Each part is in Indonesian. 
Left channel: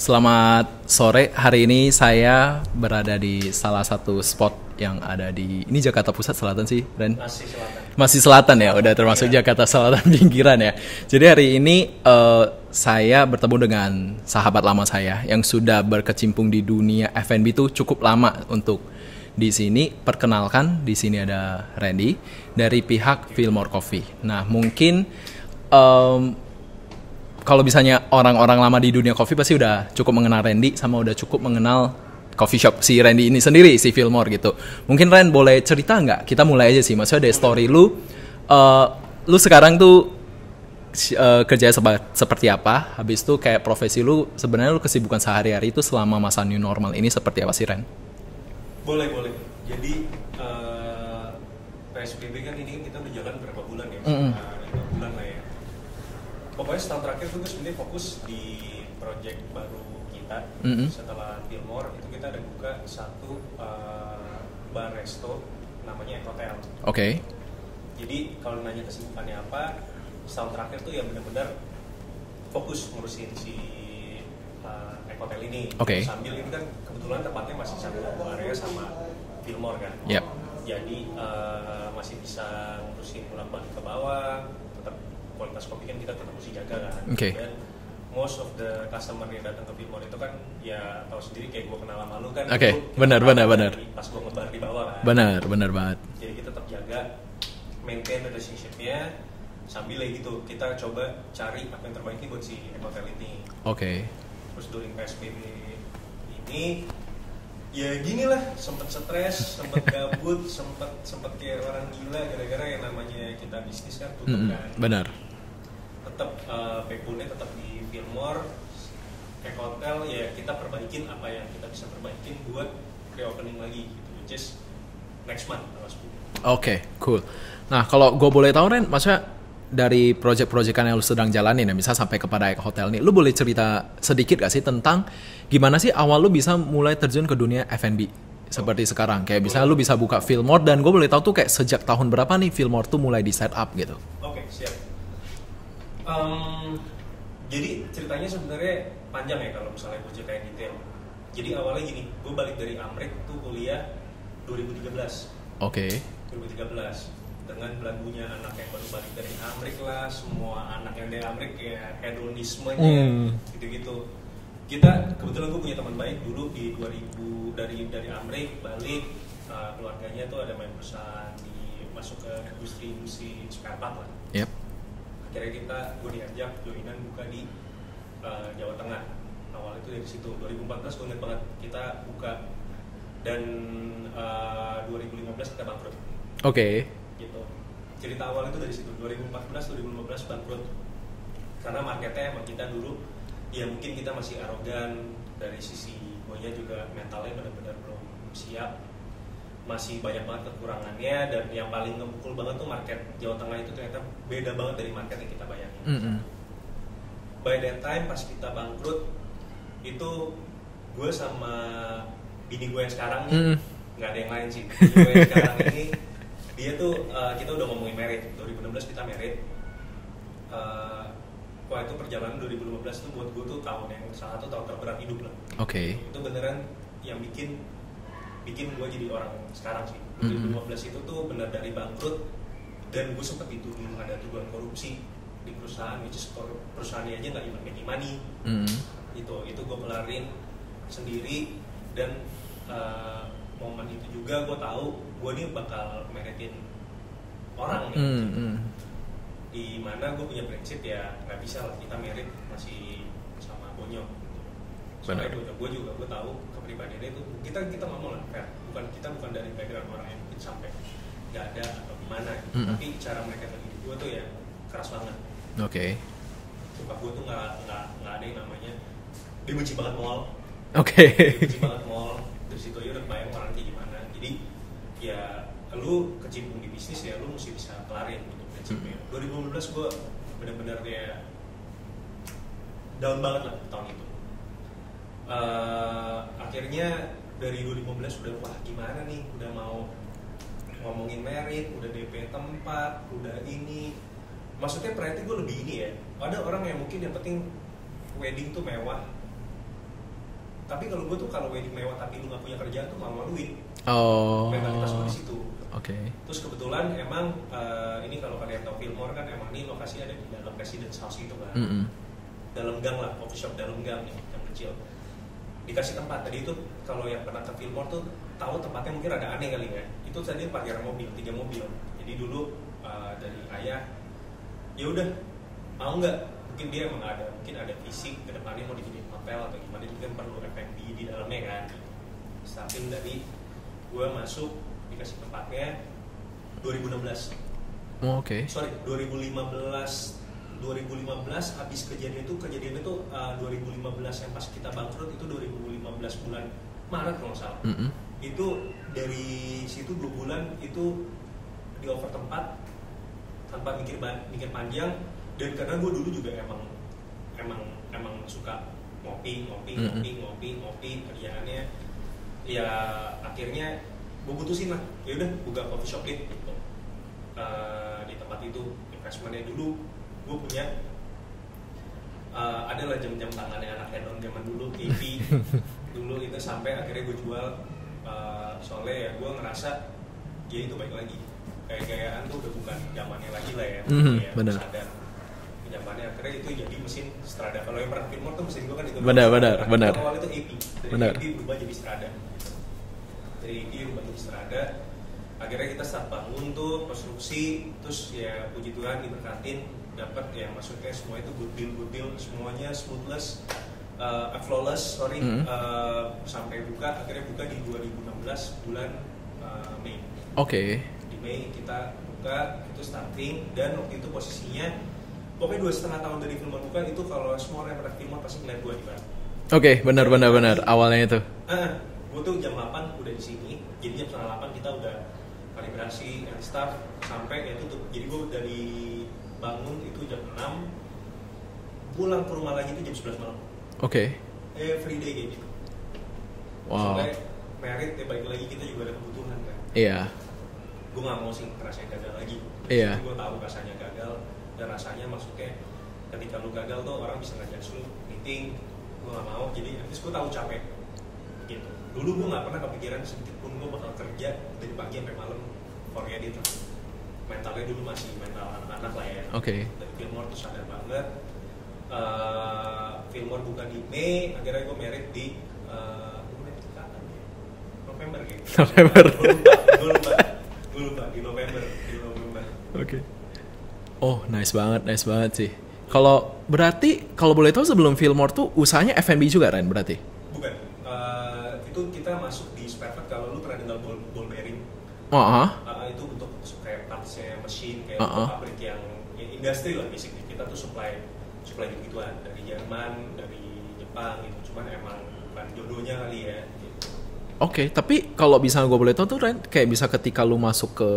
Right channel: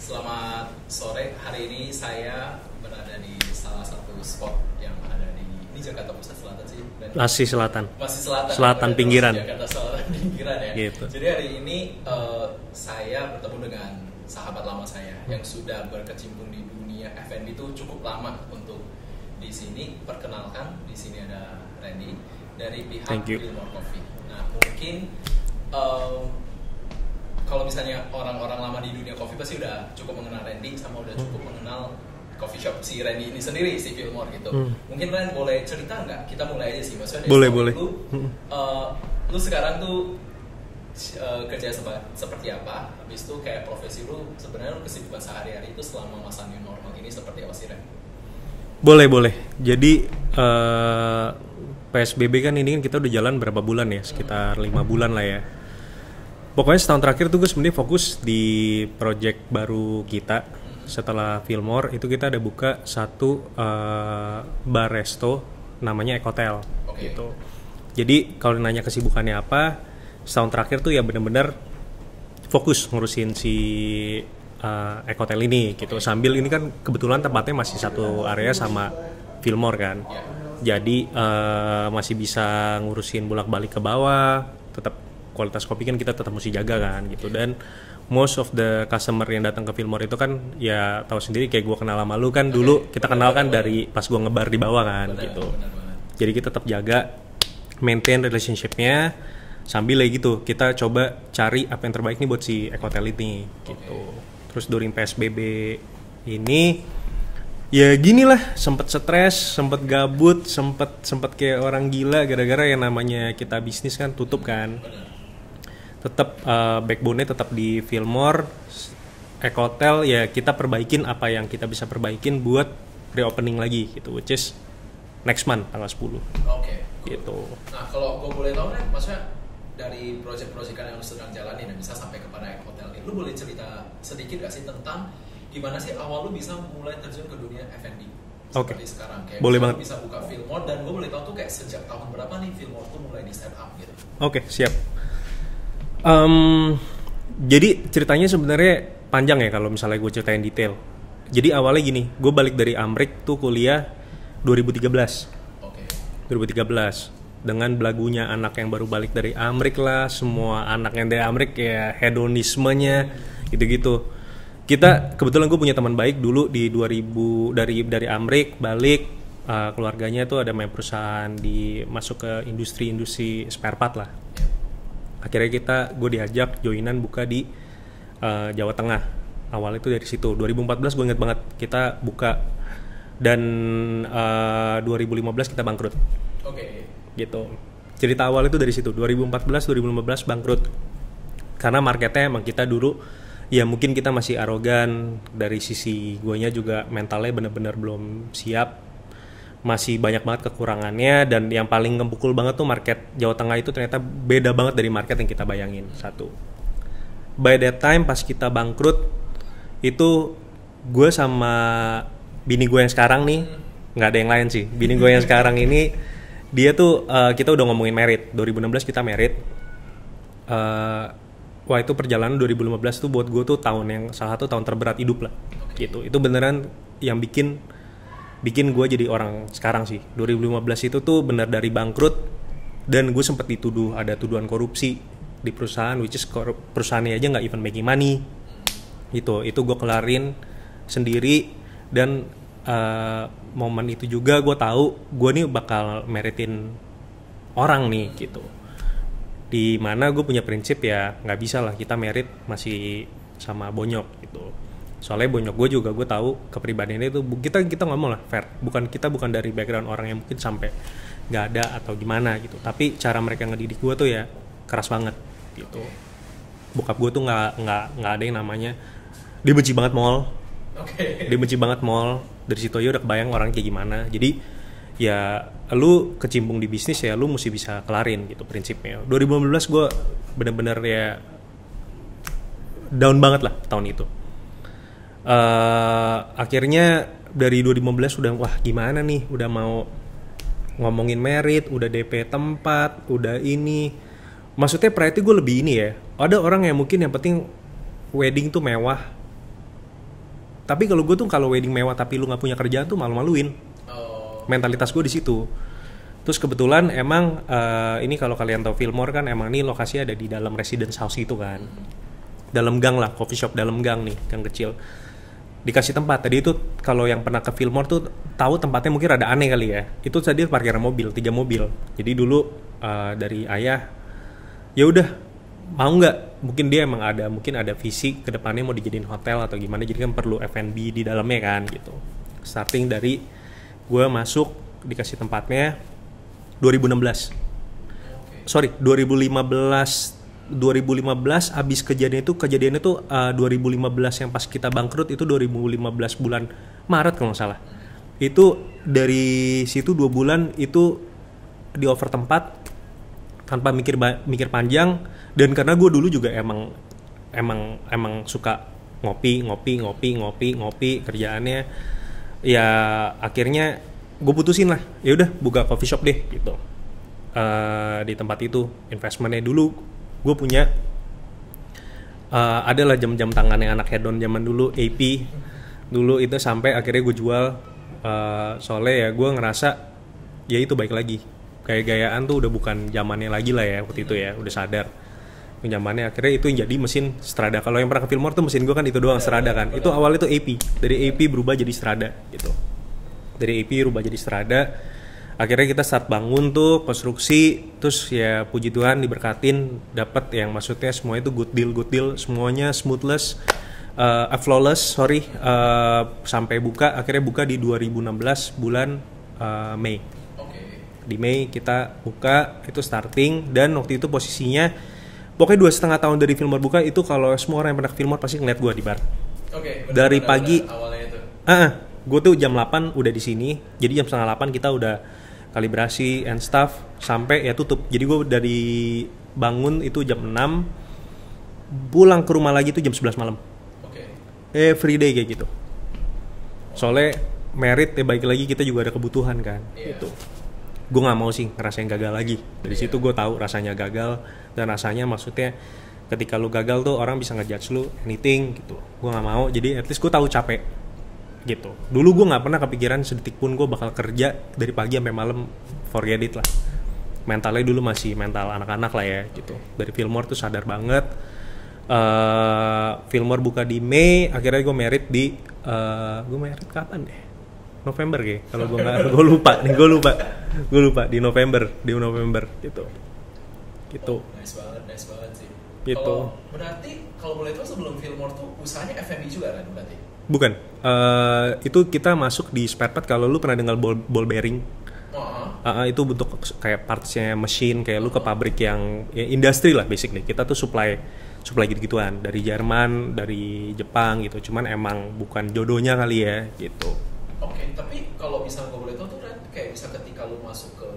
Selamat sore, hari ini saya berada di salah satu spot yang ada di, ini Jakarta Pusat Selatan sih, Ren? Masih selatan. Masih selatan ya, udah termasuk pinggiran. Jakarta Selatan pinggiran ya. Gitu. Jadi hari ini saya bertemu dengan sahabat lama saya yang sudah berkecimpung di dunia F&B itu cukup lama untuk di sini. Perkenalkan, di sini ada Randy dari pihak Fillmore Coffee. Nah, mungkin kalau misalnya orang-orang lama di dunia kopi pasti udah cukup mengenal Randy sama udah cukup mengenal coffee shop si Randy ini sendiri, si Fillmore gitu. Mungkin Ren boleh cerita nggak? Kita mulai aja sih, maksudnya dari story boleh. Lu sekarang tuh kerja seperti apa? Habis itu kayak profesi lu, sebenarnya lu kesibukan sehari-hari itu selama masa new normal ini seperti apa sih, Ren? Boleh. Jadi PSBB kan ini kan kita udah jalan berapa bulan ya? Sekitar 5 bulan lah ya. Pokoknya setahun terakhir tuh gue sebenarnya fokus di project baru kita. Setelah Fillmore itu kita ada buka satu bar resto namanya Ekotel. Oke. Gitu. Jadi kalau nanya kesibukannya apa, setahun terakhir tuh ya benar-benar fokus ngurusin si Ekotel ini. Gitu. Sambil ini kan kebetulan tempatnya masih satu area sama Fillmore kan. Yep. Jadi masih bisa ngurusin bolak-balik ke bawah, tetap kualitas kopi kan kita tetap mesti jaga kan. Gitu. Dan most of the customer yang datang ke Fillmore itu kan ya tahu sendiri kayak gue kenal sama lu kan dulu kita kenal kan dari pas gue ngebar di bawah kan. Benar banget. Jadi kita tetap jaga maintain relationship-nya sambil ya gitu kita coba cari apa yang terbaik nih buat si Ekotel ini. Terus during PSBB ini ya gini lah, sempet stres, sempet gabut, sempet kayak orang gila gara-gara yang namanya kita bisnis kan tutup kan. Benar. Tetap backbone-nya tetap di Fillmore, Ekotel ya kita perbaikin apa yang kita bisa perbaikin buat reopening lagi gitu, which is next month tanggal 10. Cool. Gitu. Nah, kalau gue boleh tahu Ren, maksudnya dari project-projectan yang lu sedang jalanin ya, bisa sampai kepada Ekotel nih, lu boleh cerita sedikit gak sih tentang gimana sih awal lu bisa mulai terjun ke dunia F&B seperti sekarang? Kayak misalnya lu bisa buka Fillmore, dan gue boleh tahu tuh kayak sejak tahun berapa nih Fillmore tuh mulai di set up gitu? Siap. Jadi ceritanya sebenarnya panjang ya kalau misalnya gue ceritain detail. Jadi awalnya gini, gue balik dari Amrik tuh kuliah 2013. 2013 dengan belagunya anak yang baru balik dari Amrik lah, semua anak yang dari Amrik ya hedonismenya gitu-gitu. Kita kebetulan gue punya teman baik dulu di 2000 dari Amrik balik, keluarganya tuh ada main perusahaan masuk ke industri spare part lah. Akhirnya gue diajak joinan buka di Jawa Tengah. Awalnya itu dari situ 2014 gue inget banget kita buka, dan 2015 kita bangkrut. Gitu. Cerita awal itu dari situ 2014-2015 bangkrut karena marketnya emang kita dulu ya mungkin kita masih arogan, dari sisi guanya juga mentalnya bener-bener belum siap, masih banyak banget kekurangannya, dan yang paling ngepukul banget tuh market Jawa Tengah itu ternyata beda banget dari market yang kita bayangin. Satu, by that time pas kita bangkrut itu gue sama bini gue yang sekarang nih, nggak ada yang lain sih, bini gue yang sekarang ini dia tuh kita udah ngomongin merit. 2016 kita merit. Wah itu perjalanan 2015 tuh buat gue tuh salah satu tahun terberat hidup lah. Gitu. Itu beneran yang bikin gue jadi orang sekarang sih. 2015 itu tuh bener dari bangkrut, dan gue sempet dituduh ada tuduhan korupsi di perusahaan, which is perusahaannya aja nggak even making money. Itu gue kelarin sendiri, dan momen itu juga gue tahu gue nih bakal meritin orang nih gitu. Di mana gue punya prinsip ya nggak bisa lah kita merit masih sama bonyok gitu. Soalnya bonyok gue juga gue tahu kepribadiannya itu kita ngomong lah fair. Kita bukan dari background orang yang mungkin sampai nggak ada atau gimana gitu. Tapi cara mereka ngedidik gue tuh ya keras banget. Bokap gue tuh nggak ada yang namanya Dia benci banget mall. Oke. Dia benci banget mall. Dari situ aja udah kebayang orang kayak gimana. Jadi ya lu kecimpung di bisnis ya lu mesti bisa kelarin gitu prinsipnya. 2015 gue bener-bener ya down banget lah tahun itu. Akhirnya dari 2015 udah wah gimana nih, udah mau ngomongin merit, udah DP tempat, udah ini. Maksudnya priority gue lebih ini ya. Ada orang yang mungkin yang penting wedding tuh mewah. Tapi kalau gue tuh kalau wedding mewah tapi lu nggak punya kerjaan tuh malu-maluin. Mentalitas gue di situ. Okay. Terus kebetulan emang ini kalau kalian tahu Fillmore kan emang ini lokasinya ada di dalam residence house itu kan. Dalam gang lah, coffee shop dalam gang nih, gang kecil. Dikasih tempat. Tadi itu kalau yang pernah ke Fillmore tuh tahu tempatnya mungkin rada aneh kali ya. Itu tadi parkiran mobil, 3 mobil. Jadi dulu dari ayah, ya udah mau nggak? Mungkin dia emang mungkin ada visi ke depannya mau dijadiin hotel atau gimana. Jadi kan perlu F&B di dalamnya kan gitu. Starting dari gue masuk dikasih tempatnya 2016. Sorry, 2015 abis kejadiannya tuh 2015 yang pas kita bangkrut itu 2015 bulan Maret kalau nggak salah. Itu dari situ 2 bulan itu di over tempat tanpa mikir panjang, dan karena gue dulu juga emang suka ngopi kerjaannya, ya akhirnya gue putusin lah, ya udah buka coffee shop deh gitu. Di tempat itu investmentnya dulu gue punya adalah jam-jam tangannya anak hedon zaman dulu, AP dulu itu, sampai akhirnya gue jual. Soalnya ya gue ngerasa ya itu baik lagi, gaya-gayaan tuh udah bukan zamannya lagi lah ya waktu itu ya, udah sadar zamannya. Akhirnya itu yang jadi mesin Strada. Kalau yang pernah ke Fillmore tuh mesin gue kan itu doang, Strada kan. Itu awalnya tuh AP, dari AP berubah jadi Strada gitu. Dari AP berubah jadi Strada. Akhirnya kita start bangun tuh konstruksi, terus ya puji Tuhan diberkatin dapat yang maksudnya semuanya itu good deal, semuanya smoothless, flawless, sampai buka. Akhirnya buka di 2016 bulan Mei. Di Mei kita buka, itu starting, dan waktu itu posisinya pokoknya 2,5 tahun dari Fillmore buka itu, kalau semua orang yang pernah ke Fillmore pasti ngeliat gue di bar. Benar awalnya itu. Gue tuh jam 8 udah di sini, jadi jam 7:30 kita udah kalibrasi and stuff sampai ya tutup. Jadi gue dari bangun itu jam 6, pulang ke rumah lagi tuh jam 11 malam. Every day kayak gitu. Soalnya merit ya baik lagi, kita juga ada kebutuhan kan. Gue nggak mau sih ngerasain gagal lagi. Dari situ gue tahu rasanya gagal, dan rasanya maksudnya ketika lu gagal tuh orang bisa ngejudge lu anything gitu. Gue nggak mau, jadi at least gue tahu capek gitu. Dulu gue nggak pernah kepikiran sedetik pun gue bakal kerja dari pagi sampai malam, forget it lah. Mentalnya dulu masih mental anak-anak lah ya. Dari Fillmore tuh sadar banget. Fillmore buka di Mei, akhirnya gue merit di gue merit kapan deh? November kayak. Gue lupa di November gitu. Gitu. Nice banget sih. Gitu. Kalau berarti kalau boleh tahu sebelum Fillmore tuh usahanya F&B juga Ren berarti? Bukan. Itu kita masuk di spare part. Kalau lu pernah dengar ball bearing? Itu bentuk kayak partsnya mesin, kayak lu ke pabrik yang ya, industri lah basically. Kita tuh supply gitu-gituan dari Jerman, dari Jepang gitu. Cuman emang bukan jodohnya kali ya gitu. Tapi kalau bisa gue boleh tahu tuh Ren, kayak bisa ketika lu masuk ke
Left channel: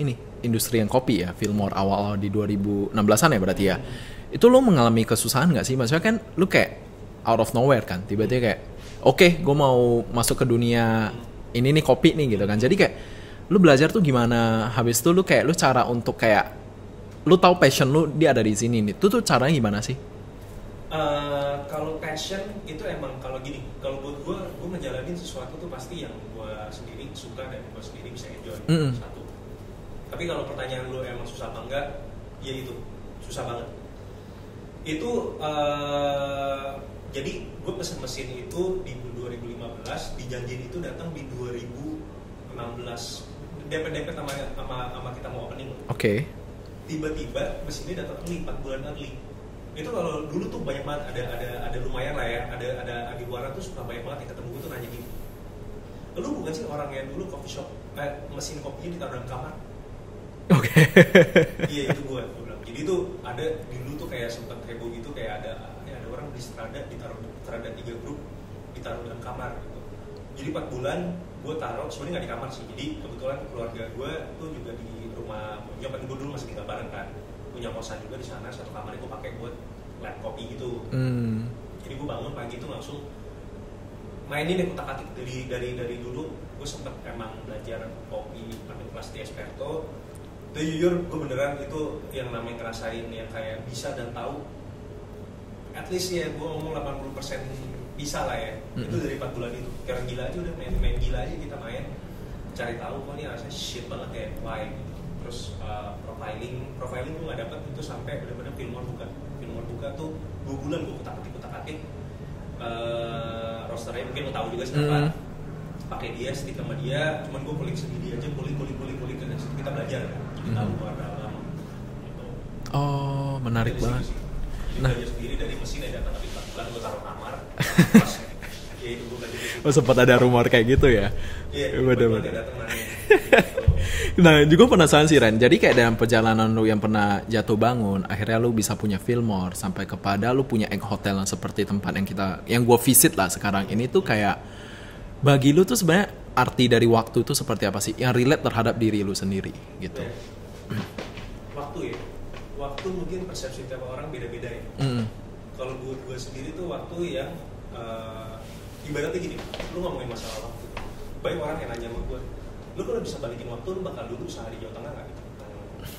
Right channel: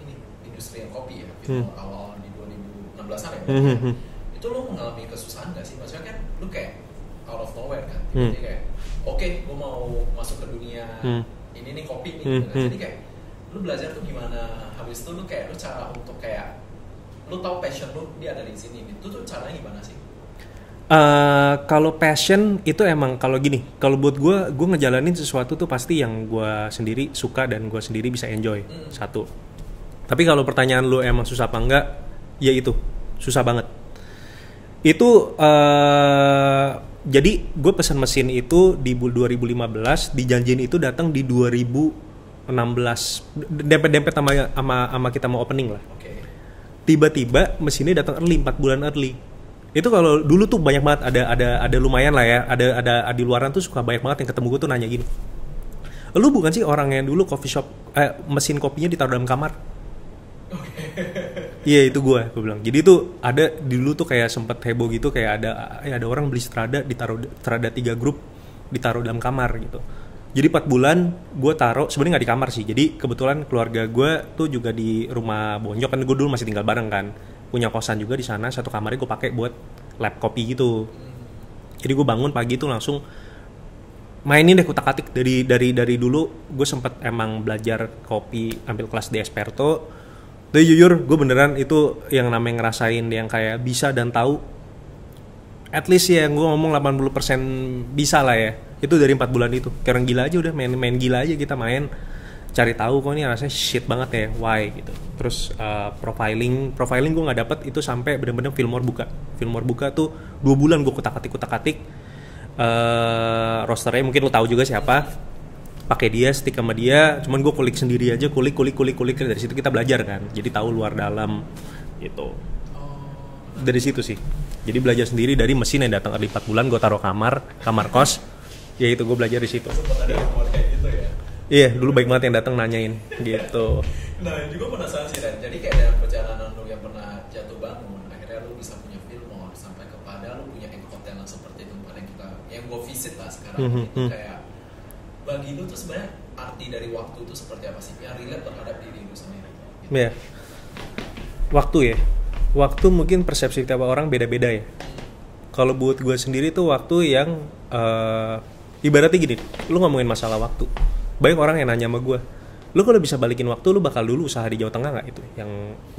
ini industri yang kopi ya, Fillmore awal di 2016an ya berarti ya. Itu lu mengalami kesusahan nggak sih? Maksudnya kan lu kayak out of nowhere kan, tiba-tiba kayak gue mau masuk ke dunia ini nih kopi nih gitu kan. Jadi kayak lu belajar tuh gimana? Habis itu lu cara untuk kayak lu tahu passion lu dia ada di sini nih. Itu tuh caranya gimana sih? Kalau passion itu emang kalau gini, kalau buat gue ngejalanin sesuatu tuh pasti yang gue sendiri suka dan gue sendiri bisa enjoy. Satu. Tapi kalau pertanyaan lu emang susah apa enggak, ya itu susah banget. Itu jadi gue pesan mesin itu di 2015, dijanjiin itu datang di 2016, dempet sama kita mau opening lah. Tiba-tiba mesinnya datang early, 4 bulan early. Itu kalau dulu tuh banyak banget, ada lumayan lah ya, ada di luaran tuh suka banyak banget yang ketemu gue tuh nanya gini, lu bukan sih orang yang dulu coffee shop mesin kopinya ditaruh dalam kamar? Oke. Iya, itu gue bilang. Jadi tuh ada dulu tuh kayak sempet heboh gitu, kayak ada orang beli Strada, ditaruh Strada 3 grup, ditaruh dalam kamar gitu. Jadi 4 bulan gue taruh, sebenarnya nggak di kamar sih. Jadi kebetulan keluarga gue tuh juga di rumah Bonjok, kan gue dulu masih tinggal bareng kan. Punya kosan juga di sana, satu kamarnya gue pakai buat lab kopi gitu. Jadi gue bangun pagi tuh langsung mainin deh kutak-atik dari dulu. Gue sempet emang belajar kopi, ambil kelas di Esperto. Tapi jujur gue beneran itu yang namanya ngerasain yang kayak bisa dan tahu. At least ya gue ngomong 80% bisa lah ya. Itu dari 4 bulan itu. Kayak orang gila aja udah main gila aja, kita main cari tahu kok ini rasanya shit banget ya, why gitu. Terus profiling gue nggak dapet itu sampai bener-bener Fillmore buka tuh 2 bulan gue kutak-atik rosternya mungkin lo tahu juga siapa. Pakai dia, stick sama dia, cuman gue kulik sendiri aja, kulik dari situ kita belajar kan, jadi tahu luar dalam gitu. Oh, menarik dari banget. situ sih, jadi belajar sendiri dari mesin yang datang 4 bulan gue taruh kamar kos. Ya itu gue belajar di situ. Oh, sempat ada rumor kayak gitu ya? Iya, dulu baik banget yang datang nanyain gitu. Nah, juga penasaran sih Ren. Jadi kayak dalam perjalanan lu yang pernah jatuh bangun, akhirnya lu bisa punya Fillmore sampai kepada lu punya Egg Hotel yang seperti tempat yang gua visit lah sekarang ini tuh kayak bagi lu tuh sebenarnya arti dari waktu itu seperti apa sih? Yang relate terhadap diri lu sendiri gitu. Iya. Waktu ya. Waktu mungkin persepsi tiap orang beda-beda ya. Kalau buat gue sendiri tuh waktu yang ibaratnya gini, lu ngomongin masalah waktu, banyak orang yang nanya sama gue, lu kalau bisa balikin waktu, lu bakal dulu usaha di Jawa Tengah nggak itu,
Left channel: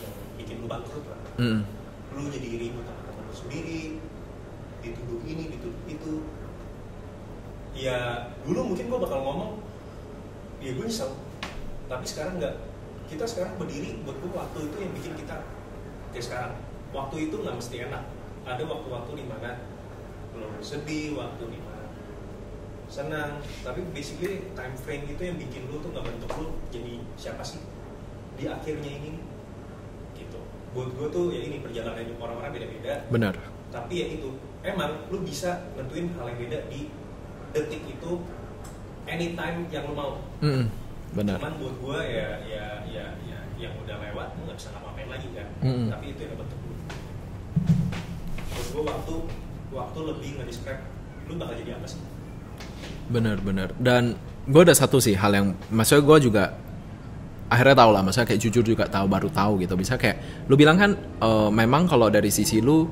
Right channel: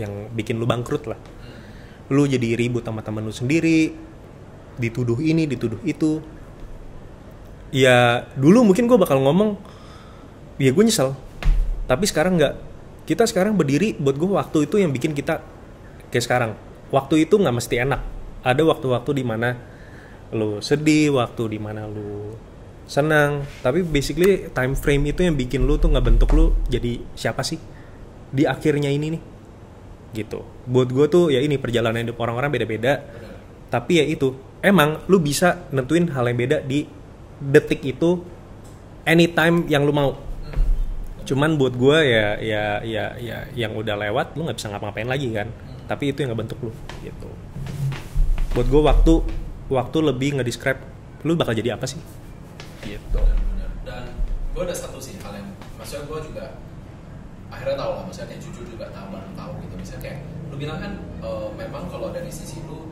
yang bikin lu bangkrut lah. Lu jadi ribut sama temen lu sendiri, dituduh ini, dituduh itu. Ya dulu mungkin gue bakal ngomong, ya gue nyesel, tapi sekarang nggak. Kita sekarang berdiri, buat gue waktu itu yang bikin kita kayak sekarang. Waktu itu nggak mesti enak. Ada waktu-waktu di mana lu sedih, waktu di mana lu senang, tapi basically time frame itu yang bikin lu tuh ngebentuk lu jadi siapa sih di akhirnya ini nih gitu. Buat gue tuh ya ini perjalanan hidup orang-orang beda-beda. Benar. Tapi ya itu emang lu bisa nentuin hal yang beda di detik itu anytime yang lu mau. Benar. Cuman buat gue ya yang udah lewat lu nggak bisa ngapa-ngapain lagi kan. Tapi itu yang ngebentuk lu gitu. Buat gue waktu lebih ngedescribe lu bakal jadi apa sih? Gitu. Bener. Dan gue ada satu sih hal yang maksudnya gue juga akhirnya tahu lah, maksudnya kayak jujur juga baru tahu gitu. Bisa kayak lu bilang kan memang kalau dari sisi lu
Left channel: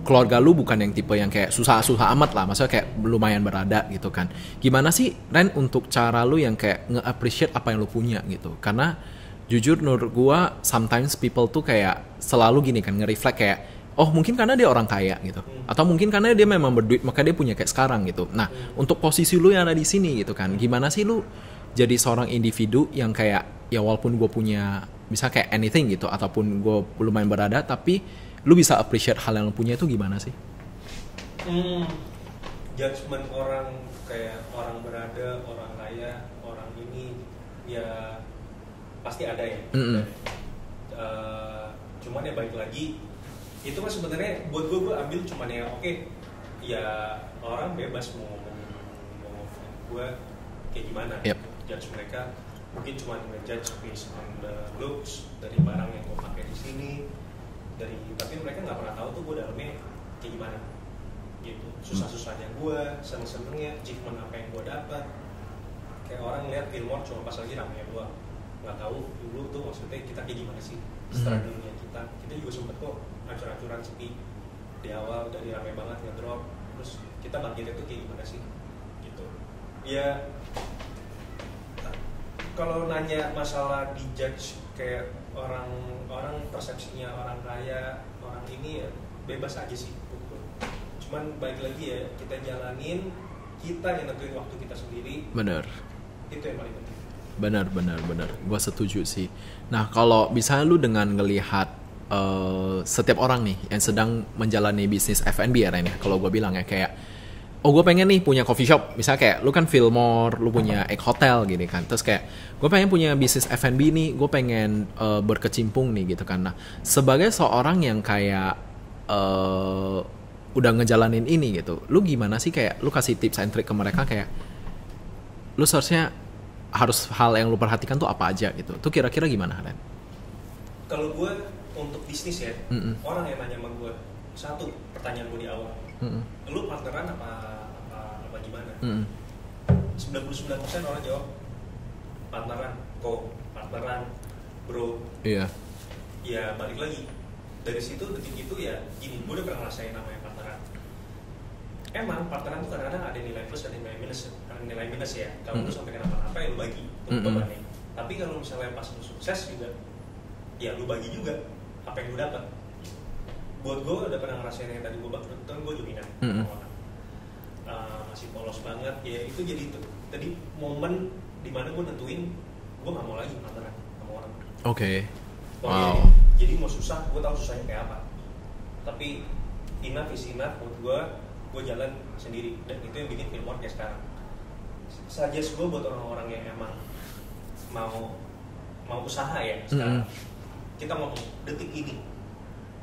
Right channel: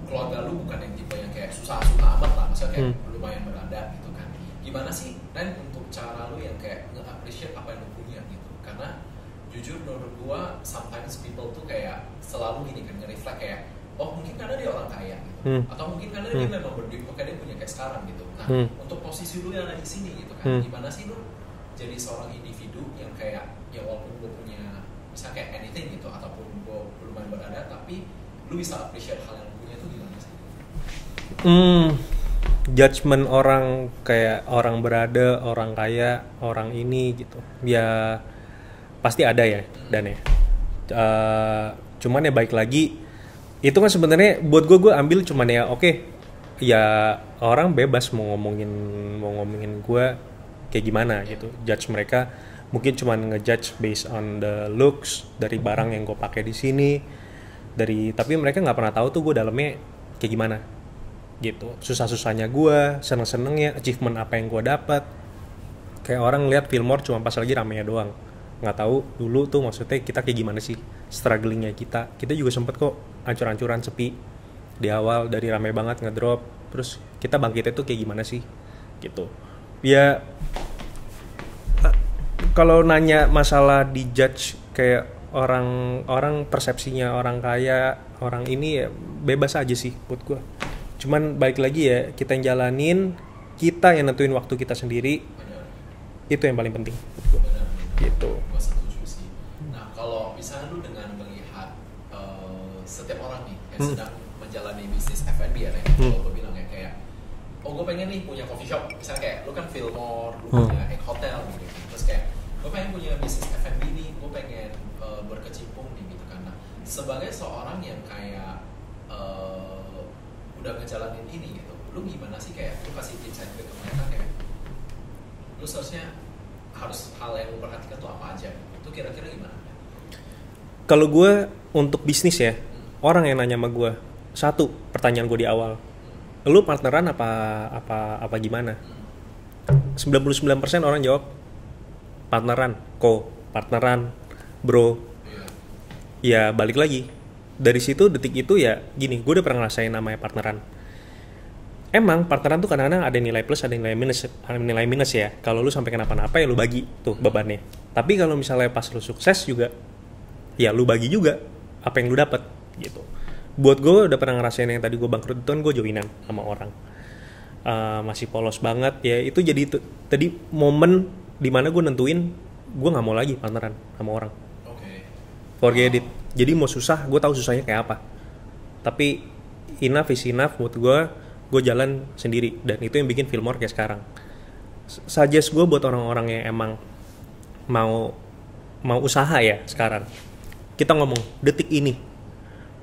keluarga lu bukan yang tipe yang kayak susah amat lah, maksudnya kayak lumayan berada gitu kan. Gimana sih Ren untuk cara lu yang kayak nge-appreciate apa yang lu punya gitu? Karena jujur menurut gue sometimes people tuh kayak selalu gini kan, nge-reflect kayak oh mungkin karena dia orang kaya gitu, atau mungkin karena dia memang berduit maka dia punya kayak sekarang gitu. Nah untuk posisi lu yang ada di sini gitu kan, gimana sih lu jadi seorang individu yang kayak ya walaupun gue punya bisa kayak anything gitu, ataupun gue lumayan berada, tapi lu bisa appreciate hal yang lu punya itu gimana sih? Judgement orang kayak orang berada, orang kaya, orang ini gitu, ya pasti ada ya dan ya. Cuman ya baik lagi. Itu kan sebenarnya buat gue ambil cuman ya oke, ya orang bebas mau ngomongin gue kayak gimana gitu. Judge mereka mungkin cuman ngejudge based on the looks dari barang yang gue pakai di sini, tapi mereka nggak pernah tahu tuh gue dalamnya kayak gimana gitu. Susah-susahnya gue, seneng-senengnya, achievement apa yang gue dapat. Kayak orang lihat Fillmore cuma pas lagi ramenya doang, nggak tahu dulu tuh maksudnya kita kayak gimana sih strugglingnya kita juga sempet kok ancur-ancuran sepi di awal, dari rame banget ngedrop, terus kita bangkitnya tuh kayak gimana sih gitu. Ya kalau nanya masalah dijudge kayak orang persepsinya orang kaya, orang ini ya bebas aja sih buat gue. Cuman balik lagi ya kita yang jalanin, kita yang nentuin waktu kita sendiri. Bener. Itu yang paling penting. Benar. Gue setuju sih. Nah kalau misalnya lu dengan ngelihat setiap orang nih yang sedang menjalani bisnis F&B ya Ren, kalau gue bilang ya kayak gue pengen nih punya coffee shop, misalnya kayak lu kan Fillmore, lu punya Egg Hotel gitu kan, terus kayak gue pengen punya bisnis F&B nih, gue pengen berkecimpung nih gitu kan. Nah sebagai seorang yang kayak udah ngejalanin ini gitu, lu gimana sih kayak lu kasih tips and trick ke mereka kayak lu seharusnya harus hal yang lu perhatikan tuh apa aja gitu, tuh kira-kira gimana Ren? Kalau gue untuk bisnis ya, orang yang nanya sama gue, satu pertanyaan gue di awal, lu partneran apa gimana? 99% orang jawab partneran, partneran, bro. Iya. Ya balik lagi dari situ, detik itu ya gini, gue udah pernah ngerasain namanya partneran. Emang partneran tuh kadang-kadang ada nilai plus, ada nilai minus ya. Kalau lu sampai kenapa-napa ya lu bagi tuh bebannya. Tapi kalau misalnya pas lu sukses juga, ya lu bagi juga apa yang lu dapat gitu. Buat gue udah pernah ngerasain yang tadi gue bangkrut itu kan gue joinan sama orang. Masih polos banget ya, itu jadi tadi momen dimana gue nentuin gue nggak mau lagi partneran sama orang. Forget it. Jadi mau susah, gue tahu susahnya kayak apa, tapi enough is enough. Buat gue jalan sendiri, dan itu yang bikin Fillmore kayak sekarang. Suggest gue buat orang-orang yang emang mau usaha ya sekarang. Kita ngomong detik ini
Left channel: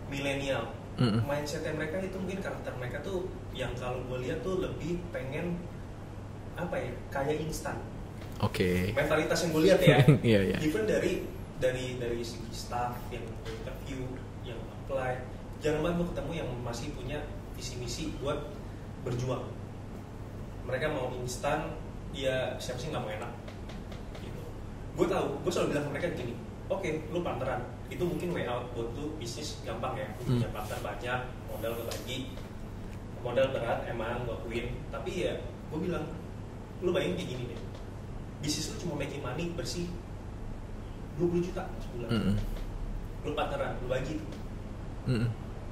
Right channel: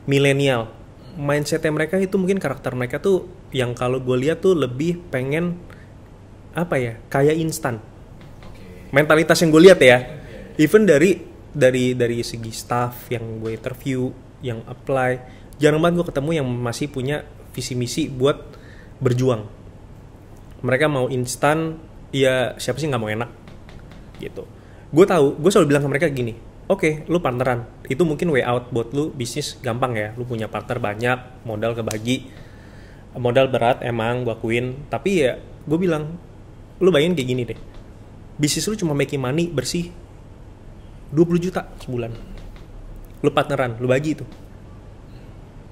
milenial, mindsetnya mereka itu mungkin karakter mereka tuh yang kalau gue lihat tuh lebih pengen apa ya, kayak instan. Mentalitas yang gue lihat ya. Even dari segi staff yang gue interview, yang apply, jarang banget gue ketemu yang masih punya visi misi buat berjuang. Mereka mau instan, ya siapa sih nggak mau enak gitu. Gue selalu bilang ke mereka gini, oke, lu partneran, itu mungkin way out buat lu bisnis gampang ya, lu punya partner banyak, modal kebagi, modal berat emang gue akuin, tapi ya gue bilang, lu bayangin kayak gini deh, bisnis lu cuma making money bersih 20 juta sebulan, lu partneran, lu bagi itu,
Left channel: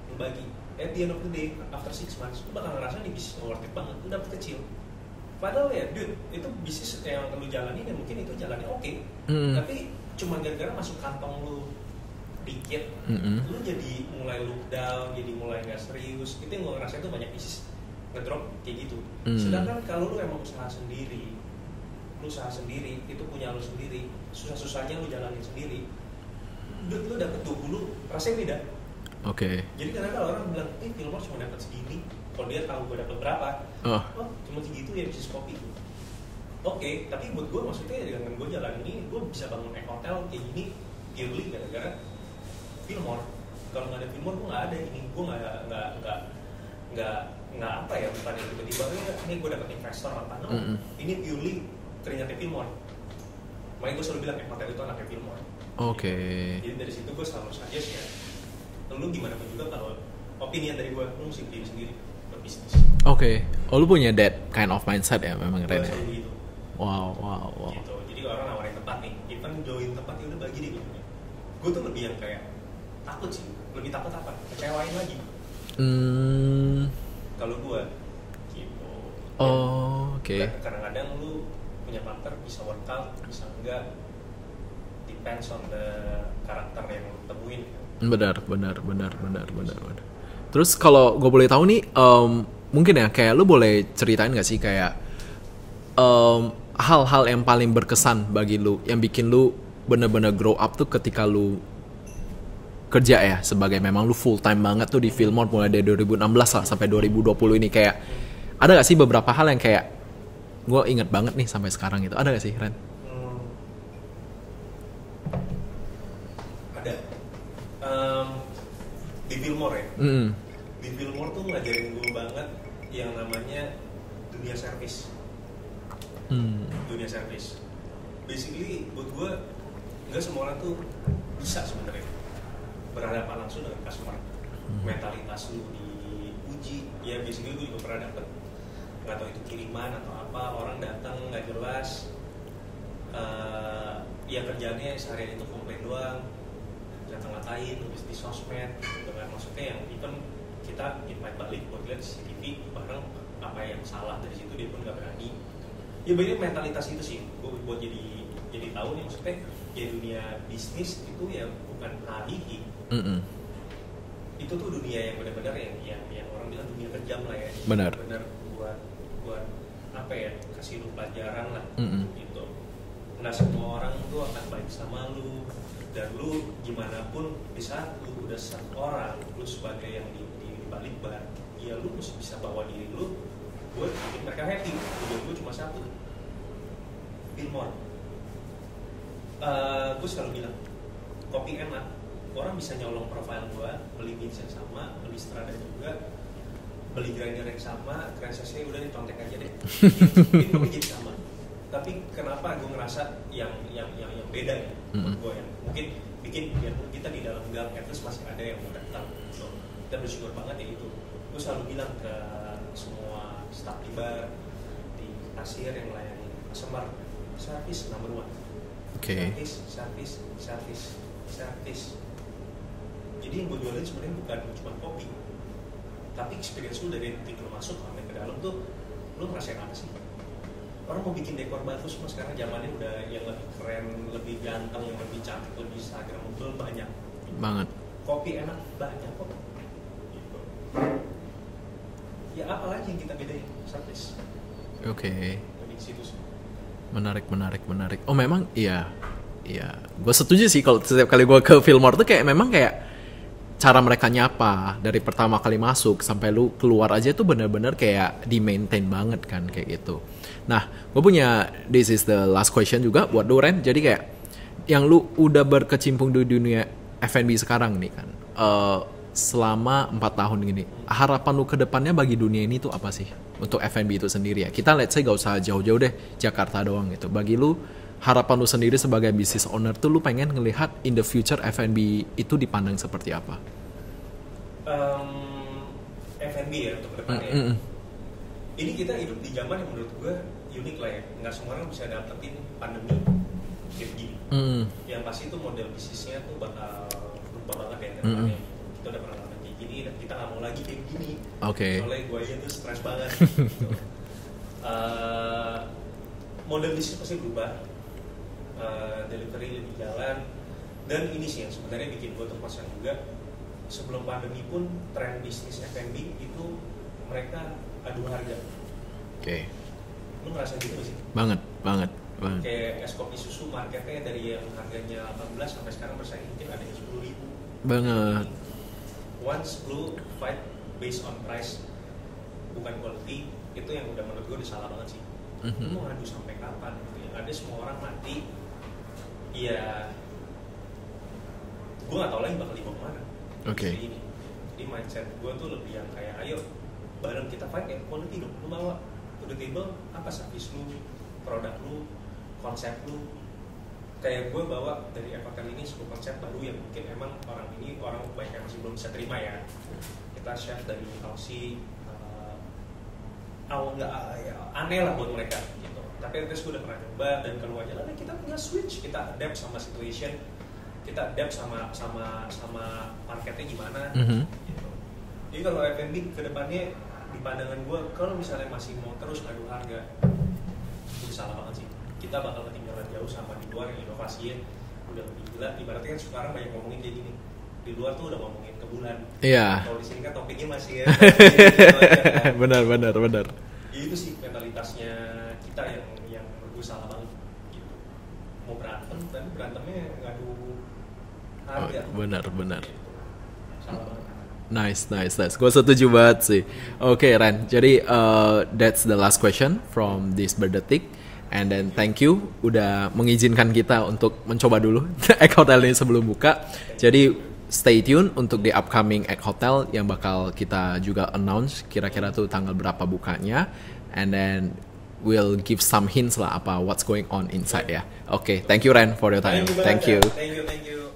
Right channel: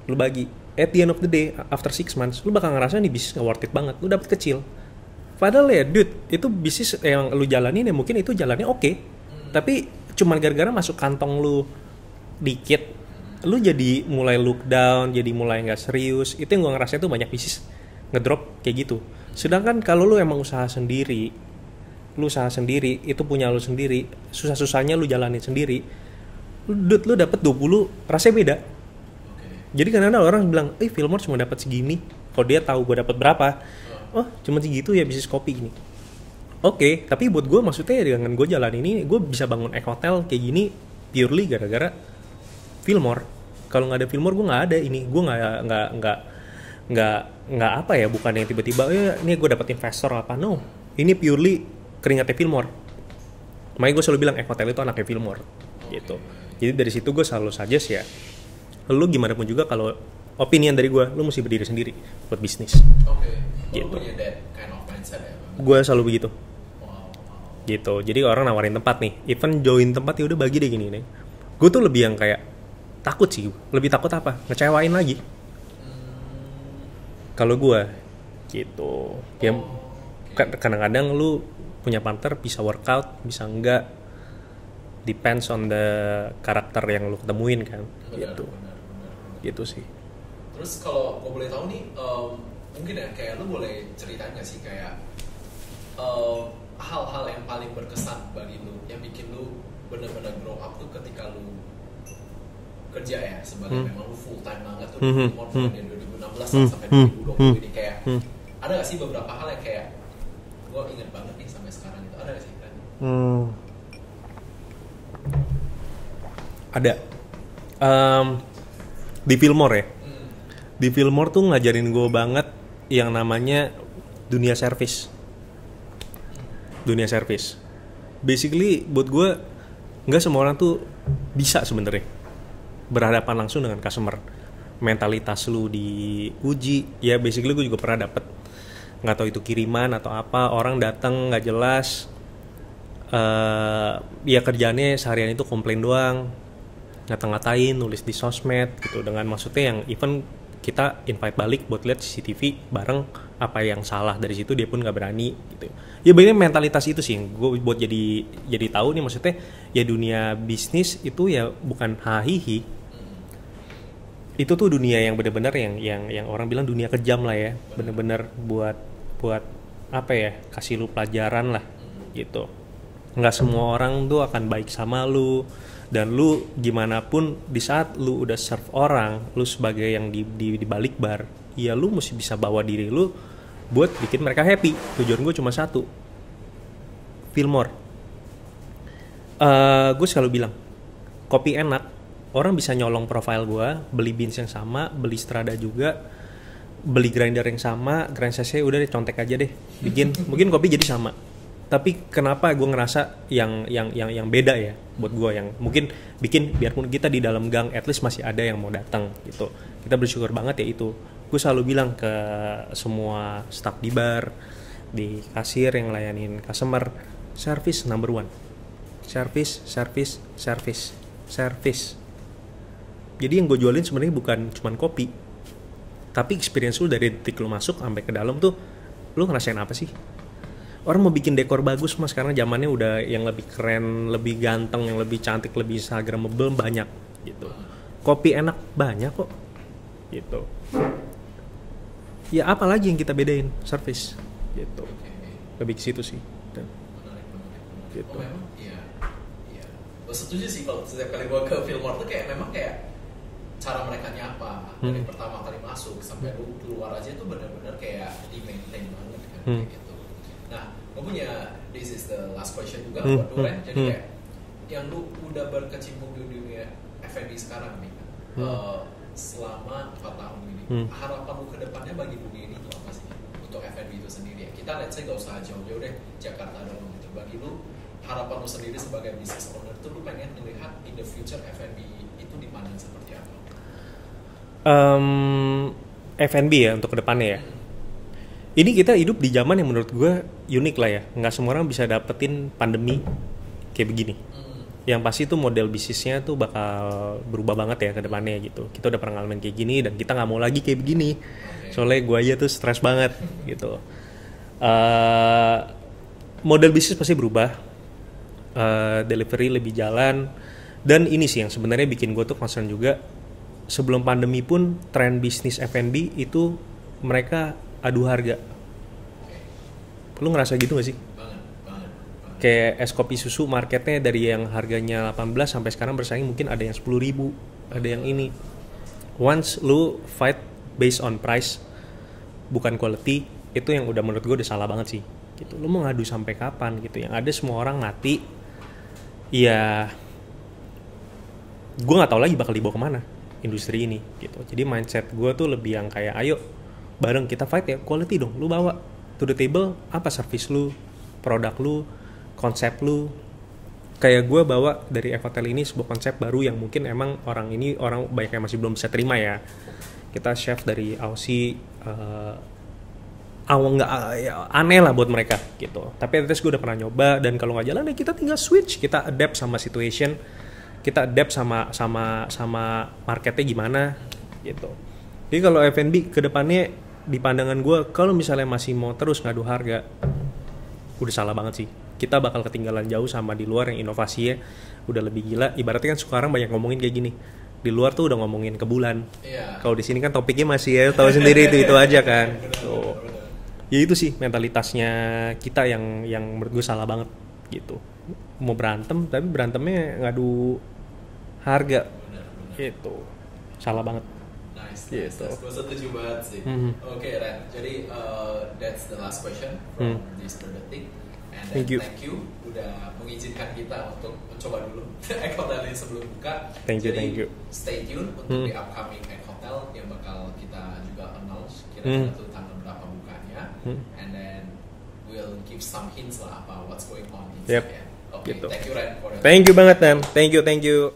lu bagi, at the end of the day, after 6 months, lu bakal ngerasa nih bisnis gak worth it banget, lu dapet kecil. Padahal ya dude, itu bisnis yang lu jalanin ya mungkin itu jalannya oke. Tapi cuma gara-gara masuk kantong lu dikit, lu jadi mulai look down, jadi mulai gak serius. Itu yang gue ngerasa tuh banyak bisnis ngedrop kayak gitu. Sedangkan kalau lu emang usaha sendiri, itu punya lu sendiri, susah-susahnya lu jalanin sendiri, dude, lu dapet 20, rasanya beda. Jadi kadang-kadang orang bilang, Fillmore cuma dapat segini. Kalau dia tahu gue dapat berapa, cuma segitu ya bisnis kopi gini. Tapi buat gue maksudnya dengan gue jalan ini, gue bisa bangun hotel kayak gini purely gara-gara Fillmore. Kalau nggak ada Fillmore, gue nggak ada ini. Gue nggak apa ya, bukan yang tiba-tiba, ini gue dapat investor apa, no. Ini purely keringatnya Fillmore. Makanya gue selalu bilang hotel itu anaknya Fillmore. Gitu. Jadi dari situ gue selalu suggest ya, lu gimana pun juga kalau opinion dari gue, lu mesti berdiri sendiri buat bisnis. Lu punya that kind of mindset ya memang. Gue selalu begitu. Wow. Gitu. Jadi orang nawarin tempat nih, even join tempat ya udah bagi deh gini nih. Gue tuh lebih yang kayak takut sih. Lebih takut apa? Ngecewain lagi. Kalau gue gitu. Kadang-kadang lu punya partner bisa workout, bisa enggak. Depends on the karakter yang lu ketemuin kan. Benar. Gitu sih. Terus kalau gue boleh tahu nih, mungkin ya kayak lu boleh ceritain nggak sih kayak hal-hal yang paling berkesan bagi lu, yang bikin lu bener-bener grow up tuh ketika lu kerja ya sebagai memang lu full time banget tuh di Fillmore mulai dari 2016 sampai 2020 ini kayak ada nggak sih beberapa hal yang kayak gue inget banget nih sampai sekarang gitu, ada nggak sih Ren? Ada. Di Fillmore ya. Di Fillmore tuh ngajarin gue banget yang namanya dunia service. Dunia service. Basically buat gue nggak semua orang tuh bisa sebenarnya berhadapan langsung dengan customer. Mentalitas lu diuji. Ya basically gue juga pernah dapet, nggak tahu itu kiriman atau apa, orang datang nggak jelas. Ya kerjaannya seharian itu komplain doang, ngata-ngatain, nulis di sosmed gitu, dengan maksudnya yang even kita invite balik buat lihat CCTV bareng, apa yang salah dari situ dia pun nggak berani gitu. Ya bener mentalitas itu sih gue buat jadi tahu nih, maksudnya ya dunia bisnis itu ya bukan hahihi. Itu tuh dunia yang benar-benar yang orang bilang dunia kejam lah ya. Benar-benar buat apa ya, kasih lu pelajaran lah gitu. Nggak semua orang tuh akan baik sama lu, dan lu gimana pun di saat lu udah serve orang, lu sebagai yang di balik bar, ya lu mesti bisa bawa diri lu buat bikin mereka happy. Tujuan gue cuma satu, Fillmore. Gue selalu bilang kopi enak orang bisa nyolong profile gue, beli beans yang sama, beli strada juga, beli grinder yang sama, grind cc udah deh contek aja deh, mungkin kopi jadi sama. Tapi kenapa gue ngerasa yang beda ya buat gue, yang mungkin bikin biarpun kita di dalam gang at least masih ada yang mau datang gitu. Kita bersyukur banget ya itu. Gue selalu bilang ke semua staff di bar, di kasir yang layanin customer, service number one. Service. Jadi yang gue jualin sebenarnya bukan cuman kopi, tapi experience lu dari detik lu masuk sampai ke dalam tuh lu ngerasain apa sih? Orang mau bikin dekor bagus mas, karena zamannya udah yang lebih keren, lebih ganteng, yang lebih cantik, lebih instagramable banyak gitu. Banget. Kopi enak banyak kok gitu. Ya apa lagi yang kita bedain? Service gitu. Oke. Lebih ke situ sih. Menarik. Oh memang iya. Gue setuju sih kalau setiap kali gue ke Fillmore tuh kayak memang kayak cara mereka nyapa dari pertama kali masuk sampai lu keluar aja tuh benar-benar kayak di maintain banget kan kayak gitu. Nah, gue punya this is the last question juga buat lu Ren. Jadi kayak yang lu udah berkecimpung di dunia F&B sekarang nih kan, selama 4 tahun gini, harapan lu ke depannya bagi dunia ini tuh apa sih untuk F&B itu sendiri ya? Kita let's say gak usah jauh-jauh deh, Jakarta doang gitu. Bagi lu harapan lu sendiri sebagai business owner tuh lu pengen ngelihat in the future F&B itu dipandang seperti apa? F&B ya untuk kedepannya ya. Ini kita hidup di zaman yang menurut gue unik lah ya. Nggak semua orang bisa dapetin pandemi kayak begini. Yang pasti tuh model bisnisnya tuh bakal berubah banget ya ke depannya gitu. Kita udah pernah ngalamin kayak gini dan kita nggak mau lagi kayak begini. Soalnya gue aja tuh stres banget gitu. Model bisnis pasti berubah. Delivery lebih jalan. Dan ini sih yang sebenarnya bikin gue tuh concern juga. Sebelum pandemi pun tren bisnis F&B itu mereka adu harga. Lu ngerasa gitu gak sih? Banget. Kayak es kopi susu marketnya dari yang harganya 18 sampai sekarang bersaing mungkin ada yang 10.000, ada yang ini. Once lu fight based on price bukan quality, itu yang udah menurut gue udah salah banget sih gitu. Lu mau ngadu sampai kapan gitu? Yang ada semua orang mati. Ya gue gak tahu lagi bakal dibawa kemana industri ini gitu. Jadi mindset gue tuh lebih yang kayak ayo bareng kita fight ya, quality dong. Lu bawa to the table apa service lu, produk lu, konsep lu. Kayak gue bawa dari F-Hotel ini sebuah konsep baru yang mungkin emang orang banyak yang masih belum bisa terima ya. Kita chef dari Aussie, aneh lah buat mereka gitu. Tapi at least gue udah pernah nyoba, dan kalau nggak jalan ya kita tinggal switch, kita adapt sama situation, kita adapt sama marketnya gimana gitu. Jadi kalau F&B kedepannya di pandangan gue, kalau misalnya masih mau terus ngadu harga, udah salah banget sih. Kita bakal ketinggalan jauh sama di luar yang inovasinya udah lebih gila. Ibaratnya kan sekarang banyak ngomongin kayak gini. Di luar tuh udah ngomongin ke bulan. Iya. Kalau di sini kan topiknya masih ya tahu sendiri itu aja kan. Benar. Ya itu sih mentalitasnya kita yang menurut gue salah banget gitu. Mau berantem tapi berantemnya ngadu harga. Benar. Itu salah banget. Nice. Gue setuju banget sih. Oke, Ren. Jadi that's the last question from this berdetik. And then thank you udah mengizinkan kita untuk mencoba dulu Egg Hotel ini sebelum buka. Jadi stay tune untuk di upcoming Egg Hotel yang bakal kita juga announce kira-kira tuh tanggal berapa bukanya. And then we'll give some hints lah apa what's going on inside ya. Oke, thank you Ren for your time. Thank you banget, thank you.